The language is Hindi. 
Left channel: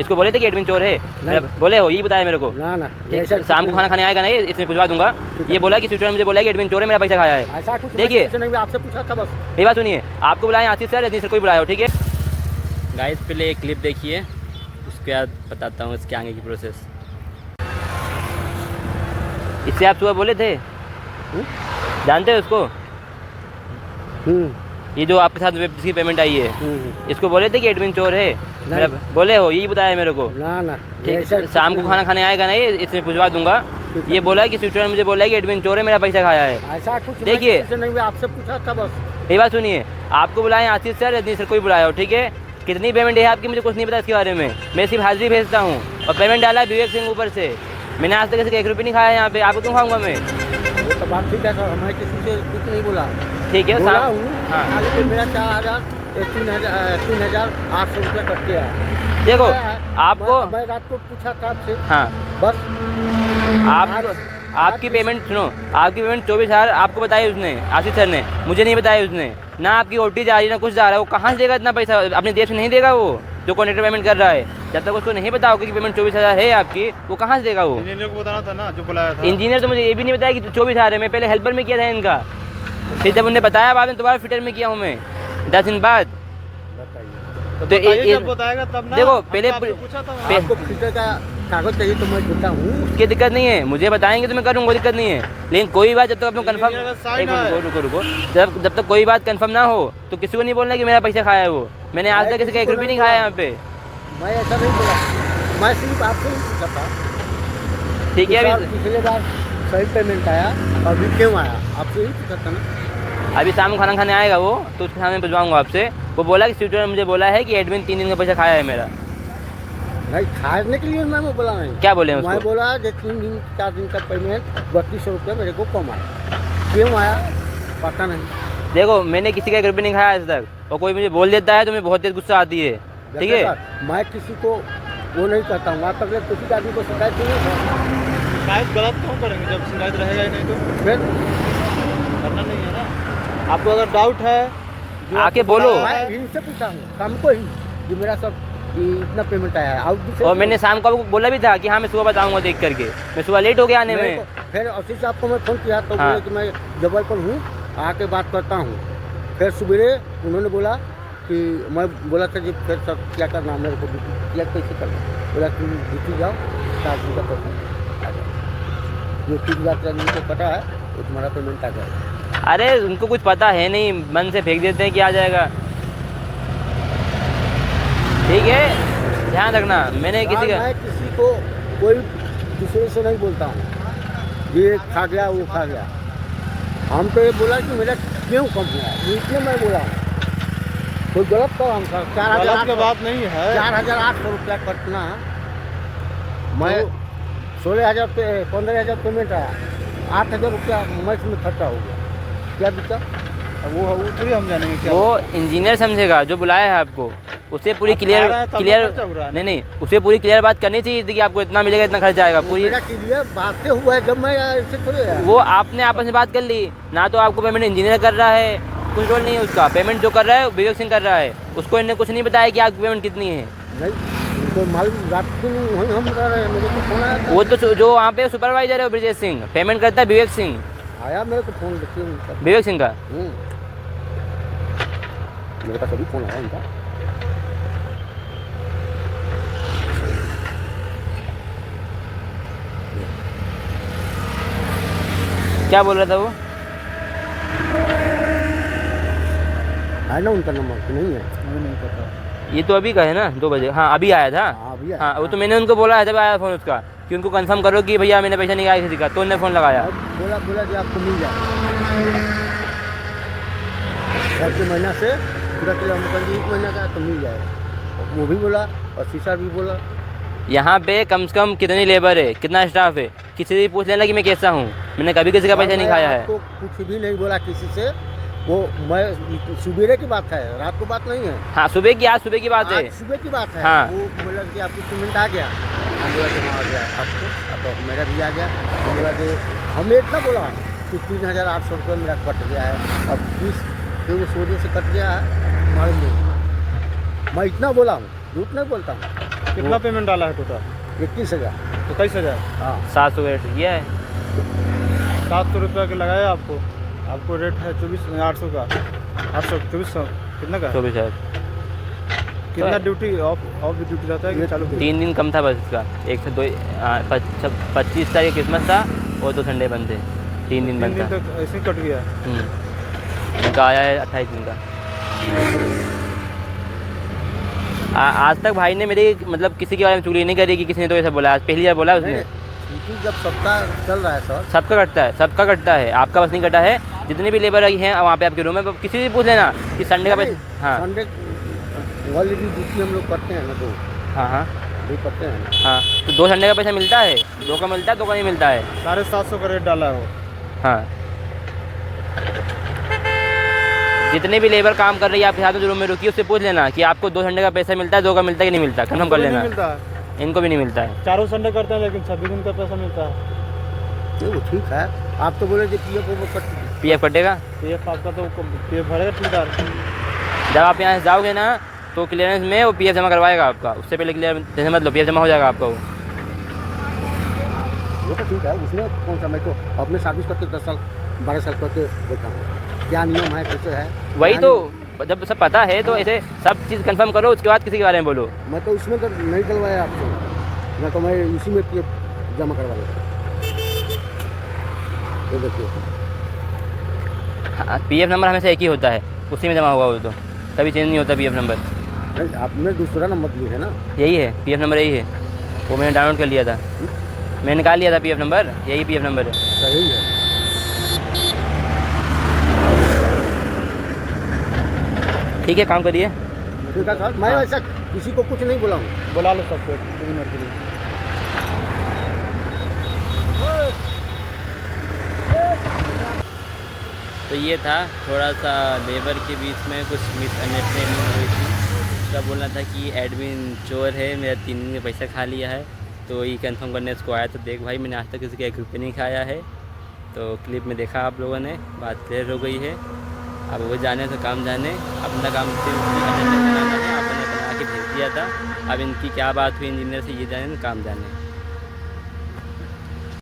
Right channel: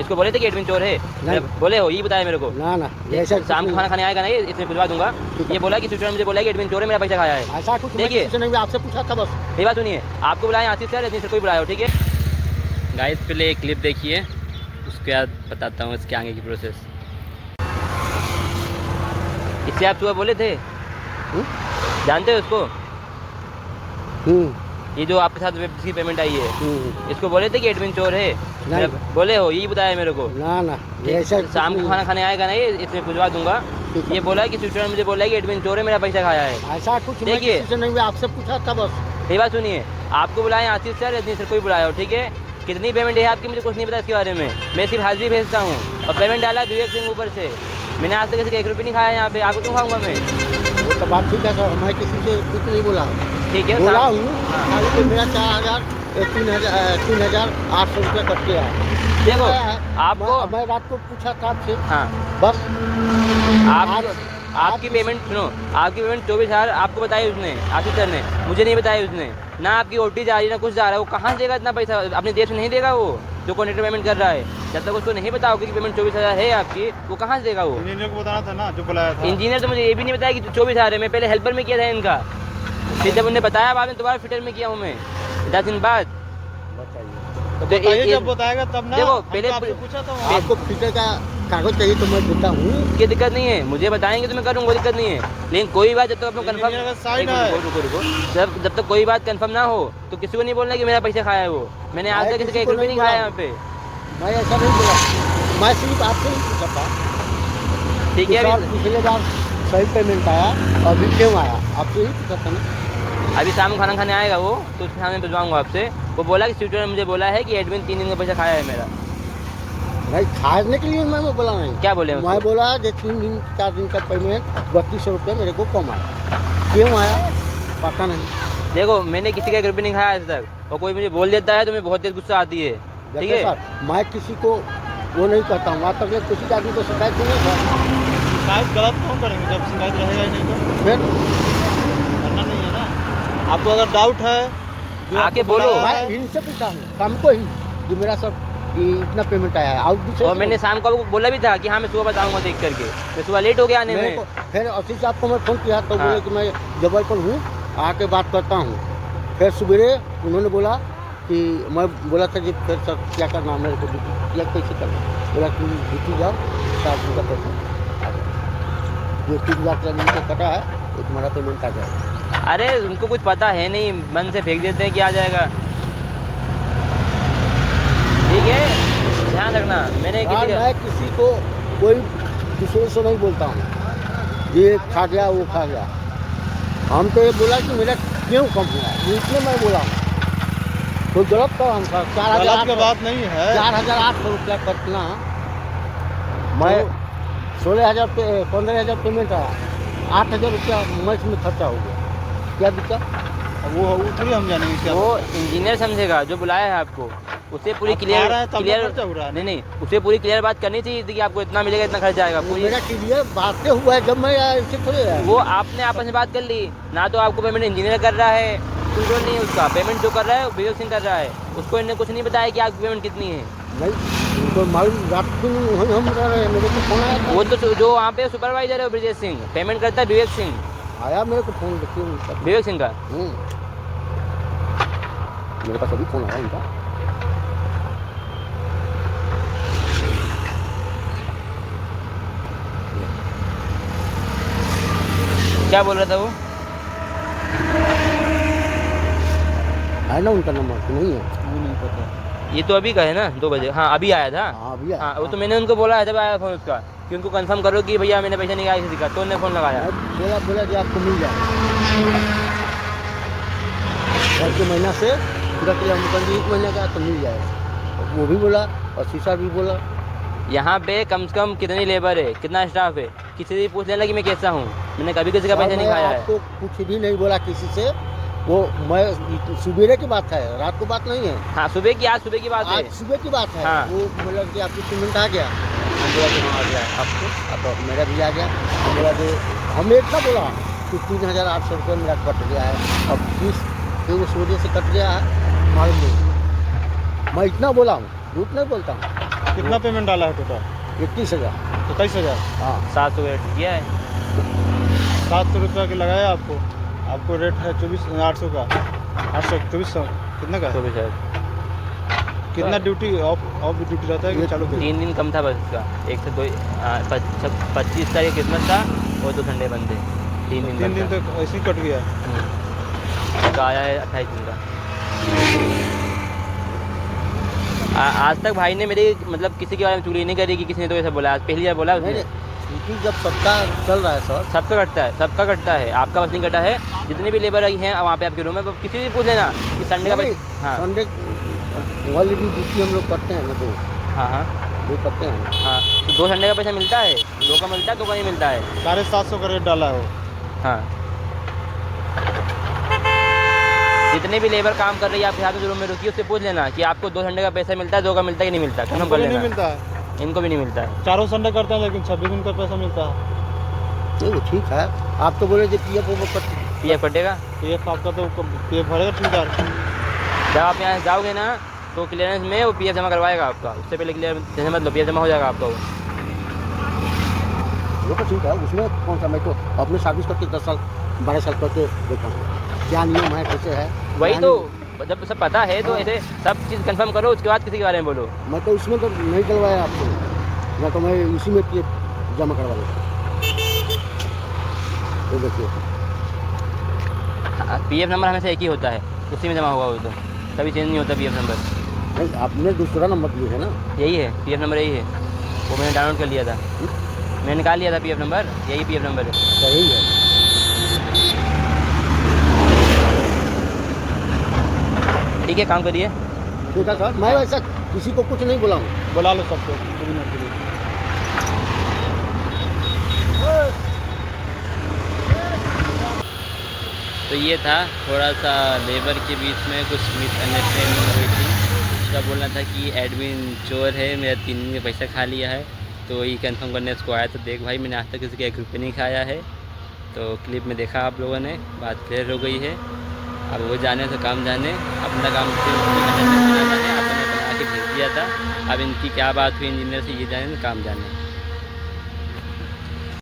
इसको बोले थे कि एडमिन चोर है? नहीं। बोले हो? ये बताया मेरे को। ना ना ऐसा शाम को खाना खाने आएगा ना, ये इसमें भिजवा दूंगा। ये बोला कि स्वीटर मुझे बोला कि एडमिन चोर है, मेरा पैसा खाया है। ऐसा कुछ देखिए नहीं, आपसे पूछा था बस। ये बात सुनिए, आपको बुलाए आशीष सर, रजनी सर को बुलाया हो, ठीक है गाइस। पहले एक क्लिप देखिए, उसके बाद बताता हूँ इसके आगे की प्रोसेस। इससे आप सुबह बोले थे, जानते हो उसको? ये जो आपके साथ जिसकी पेमेंट आई है, इसको बोले थे कि एडमिन चोर है? नहीं। बोले हो? यही बताया मेरे को। ना ना ऐसा शाम को खाना खाने आएगा ना, ये इसमें भिजवा दूंगा। ये बोला कि स्वीटर मुझे बोला कि एडमिन चोर है, मेरा पैसा खाया है। ऐसा कुछ देखिए नहीं, आपसे पूछा था बस। ये बात सुनिए, आपको बुलाए आशीष सर, रजनी सर को बुलाया हो, ठीक है। कितनी पेमेंट है आपकी मुझे कुछ नहीं पता इसके बारे में, मैं सिर्फ हाजिरी भेजता हूँ। और पेमेंट डाला है विवेक सिंह ऊपर से। मैंने आज तक किसी 1 रुपये नहीं खाया यहाँ पे, आपको क्यों खाऊंगा मैं? वो तो बात ठीक है सर, मैं किसी से कुछ नहीं बोला। ठीक है बोला हूँ खाली तो मेरा 3,800 रुपया कट गया। देखो आपको मैं रात को पूछा था आपसे। हाँ बस आपकी पेमेंट सुनो, आपकी पेमेंट 24,000 आपको बताई उसने, आशीष सर ने, मुझे नहीं बताया उसने। ना आपकी ओटी जा रही ना कुछ जा रहा है, वो कहाँ से देगा इतना पैसा? अपने देश में नहीं देगा वो, जो कॉन्ट्रेक्टर पेमेंट कर रहा है। जब तक उसको नहीं पता होगा कि पेमेंट 24,000 है आपकी, वो कहाँ से देगा वो? इंजीनियर को बताना था ना, जो बुलाया था। इंजीनियर तो मुझे ये भी नहीं बताया कि 24,000 है। मैं पहले हेल्पर में किया था इनका, फिर जब उन्हें बताया बाद में दोबारा फिटर में किया हूँ मैं 10 दिन बाद। बताइए। जब बताएगा तब ना। देखो पहले पूछा था आपको फिटर का कागज चाहिए तो मैं देता हूँ। कोई दिक्कत नहीं है, मुझे बताएंगे तो मैं करूँगा, कोई दिक्कत नहीं है। लेकिन कोई बात जब तक अपना कंफर्म, जब तक कोई बात कंफर्म ना हो तो किसी को नहीं बोलना कि मेरा पैसा खाया है वो। मैंने आज तक किसी का 1 रुपये नहीं खाया यहाँ पे। मैं ऐसा नहीं बोला, मैं सिर्फ आपसे नहीं पूछा था। ठीक है, पिछले बार सही पेमेंट आया, अभी क्यों आया आपसे ही पूछा था ना। अभी शाम को खाना खाने आएगा वो, तो उसके सामने भिजवाऊंगा आपसे। वो बोला कि स्वीटर ने मुझे बोला है कि एडमिन 3 दिन का पैसा खाया है मेरा। नहीं खाने के लिए मैं बोला नहीं। क्या बोले? मैं बोला जो 3 दिन 4 दिन का पेमेंट 3200 रुपया मेरे को कम आया, क्यों आया पता नहीं। देखो मैंने किसी का 1 रुपये नहीं खाया आज तक, और कोई मुझे बोल देता है तो मुझे बहुत तेज गुस्सा आती है, ठीक है। मैं किसी को वो नहीं करता हूँ, आज तक किसी आदमी को शिकायत नहीं था। शिकायत गलत क्यों करेंगे जब शिकायत रहेगा ही नहीं तो फिर करना नहीं है ना। आपको अगर डाउट है जो आके बोलो। मैं इनसे पूछा हूँ शाम को ही कि मेरा सब इतना पेमेंट आया है। और मैंने शाम को बोला भी था कि हाँ मैं सुबह बताऊंगा देख करके, मैं सुबह लेट हो गया आने में। फिर ऑफिस से आपको मैं फ़ोन किया तो बोले कि मैं जबलपुर हूँ, आके बात करता हूँ। फिर सवेरे उन्होंने बोला कि मैं बोला था जी फिर सब क्या करना मेरे को, या कैसे करना, बोला कि ड्यूटी जाओ 7 दिन का पैसा आ जाए, जो 3,000 को कटा है वो तुम्हारा पेमेंट आ जाएगा। अरे उनको कुछ पता है नहीं, मन से फेंक देते हैं कि आ जाएगा। ठीक है, ध्यान रखना। मैंने किसी को कोई दूसरे से नहीं बोलता हूँ ये खा गया वो खा गया। हम तो ये बोला कि मेरा क्यों कम हुआ है, इतने मैं बोला हूँ। तो गलत तो हम 4,000 की बात नहीं है। 4,800 रुपया कटना, मैं 16,000 पे 15,000 पेमेंट आया, 8,000 रुपया मंथ में खर्चा हो गया, क्या दिक्कत? वो हम जानेंगे क्या। वो इंजीनियर समझेगा जो बुलाया है आपको, उसे पूरी क्लियर नहीं उसे पूरी क्लियर बात करनी चाहिए थी कि आपको इतना मिलेगा, इतना खर्चा आएगा। पूरी मेरा क्लियर बातें हुआ है जब मैं ऐसे थोड़े वो आपने आपस में बात कर ली ना, तो आपको पेमेंट इंजीनियर कर रहा है, कोई रोल नहीं उसका। पेमेंट जो कर रहा है विवेक सिंह कर रहा है, उसको इन्हें कुछ नहीं बताया कि आपकी पेमेंट कितनी है। नहीं तो मालूम रात को वहीं हम रह रहे हैं, मेरे को फोन आया था। वो तो जो वहाँ पे सुपरवाइजर है ब्रजेश सिंह, पेमेंट करता है विवेक सिंह। आया मेरे को फोन, देखिए उनका विवेक सिंह का मेरे पास अभी फोन आया उनका। क्या बोल रहा था वो? है ना उनका नंबर तो नहीं है, वो नहीं पता। ये तो अभी का है ना 2 बजे। हाँ अभी आया था। अभी आया। हाँ वो तो मैंने उनको बोला है जब आया फोन उसका कि उनको कंफर्म करो कि भैया मैंने पैसा नहीं आया किसी का, तो उन्होंने फ़ोन लगाया। बोला कि आपको मिल जाए घर के महीना से पूरा किलो हम 1 महीना का तो मिल जाएगा। वो भी बोला और शीशा भी बोला। यहाँ पे कम से कम कितनी लेबर है, कितना स्टाफ है, किसी से पूछ लेना कि मैं कैसा हूँ। मैंने कभी किसी का पैसा नहीं खाया है। आपको कुछ भी नहीं बोला किसी से, वो मैं सुबह की बात है, रात को बात नहीं है। हाँ सुबह की, आज सुबह की बात है, आज सुबह की बात है। हाँ। वो बोला कि आपकी पेमेंट आ गया, हम बोला कि हाँ आ गया आपको, अब मेरा भी आ गया। हम बोला कि हमने इतना बोला कि 3,800 रुपये मेरा कट गया है, अब 30 वजह से कट गया है मालूम नहीं। मैं इतना बोला हूँ, झूठ नहीं बोलता हूँ। कितना पेमेंट डाला है टोटल? 21,000। 27,000। हाँ 700 का रेट किया है। 700 रुपये का लगाया आपको। आपको रेट है 800 का। 800 2400 कितना का? 24,000। कितना ड्यूटी ऑफ ड्यूटी रहता है कि चालू? 3 दिन कम था बस इसका। 1 से 2 25 तारीख क्रिसमस था और 2 संडे बंद थे। 3 दिन 3 बंद दिन था। तक ऐसे ही कट गया है। उनका आया है 28 दिन का। आज तक भाई ने मेरी मतलब किसी के बारे में चुगली नहीं करी कि किसी ने तो ऐसा बोला। आज पहली बार बोला उसने। नहीं क्योंकि जब सबका चल रहा है सर, सबका कटता है, सबका कटता है, आपका बस नहीं कटा है। जितने भी लेबर आई हैं वहाँ पे आपके रूम में किसी से पूछ लेना कि संडे का हाँ संडे वाली भी ड्यूटी हम लोग करते हैं ना, तो हाँ हाँ वो करते हैं। हाँ, तो 2 संडे का पैसा मिलता है, 2 का मिलता है, 2 का नहीं मिलता है। 750 का रेट डाला है। हाँ, जितने भी लेबर काम कर रही है आपके साथ रूम में रुकी, उससे पूछ लेना कि आपको 2 संडे का पैसा मिलता है, 2 का मिलता है कि नहीं मिलता, कन्फर्म कर नहीं लेना। मिलता है। इनको भी नहीं मिलता है। चारों संडे करते हैं लेकिन 26 दिन का पैसा मिलता है। नहीं ठीक है, आप तो बोले थे PF वो कट PF कटेगा। PF आपका तो PF भरेगा ठेकेदार। जब आप यहाँ से जाओगे ना तो क्लियरेंस में वो PF जमा करवाएगा आपका। उससे पहले क्लियर मतलब PF जमा हो जाएगा आपका वो तो ठीक है, उसमें कौन सा, मैं तो अपने सर्विस करके 10 साल 12 साल करके देखा हूँ क्या नियम है कैसे है। वही तो, जब सब पता है तो ऐसे सब चीज़ कंफर्म करो, उसके बाद किसी के बारे में बोलो। मैं तो उसमें तो नहीं डलवाया आपको, मैं तो मैं इसी में PF जमा करवा लेता। ये देखिए PF नंबर हमेशा एक ही होता है, उसी में जमा हुआ वो तो कभी चेंज नहीं होता PF नंबर। नहीं, आपने दूसरा नंबर लिया है ना? यही है PF नंबर, यही है। वो मैंने डाउनलोड कर लिया था, मैंने निकाल लिया था PF नंबर, यही PF नंबर है। सही है। ठीक है, काम करिए। ठीक है सर, मैं वैसा किसी को कुछ नहीं बोला हूँ। बुला लो सबको 2 मिनट के लिए। तो ये था थोड़ा सा लेबर के बीच में कुछ मिसअंडरस्टैंडिंग हुई थी। उसका बोलना था कि एडमिन चोर है, मेरा 3 दिन में पैसा खा लिया है। तो ये कंफर्म करने उसको आया। तो देख भाई, मैंने आज तक किसी का 1 रुपये नहीं खाया है। तो क्लिप में देखा आप लोगों ने, बात क्लियर हो गई है। अब वो जाने तो काम जाने, अपना काम सिर्फ अटेंडेंस बनाना है। आपने बना के भेज दिया था, अब इनकी क्या बात हुई इंजीनियर से ये जाने, काम जाने।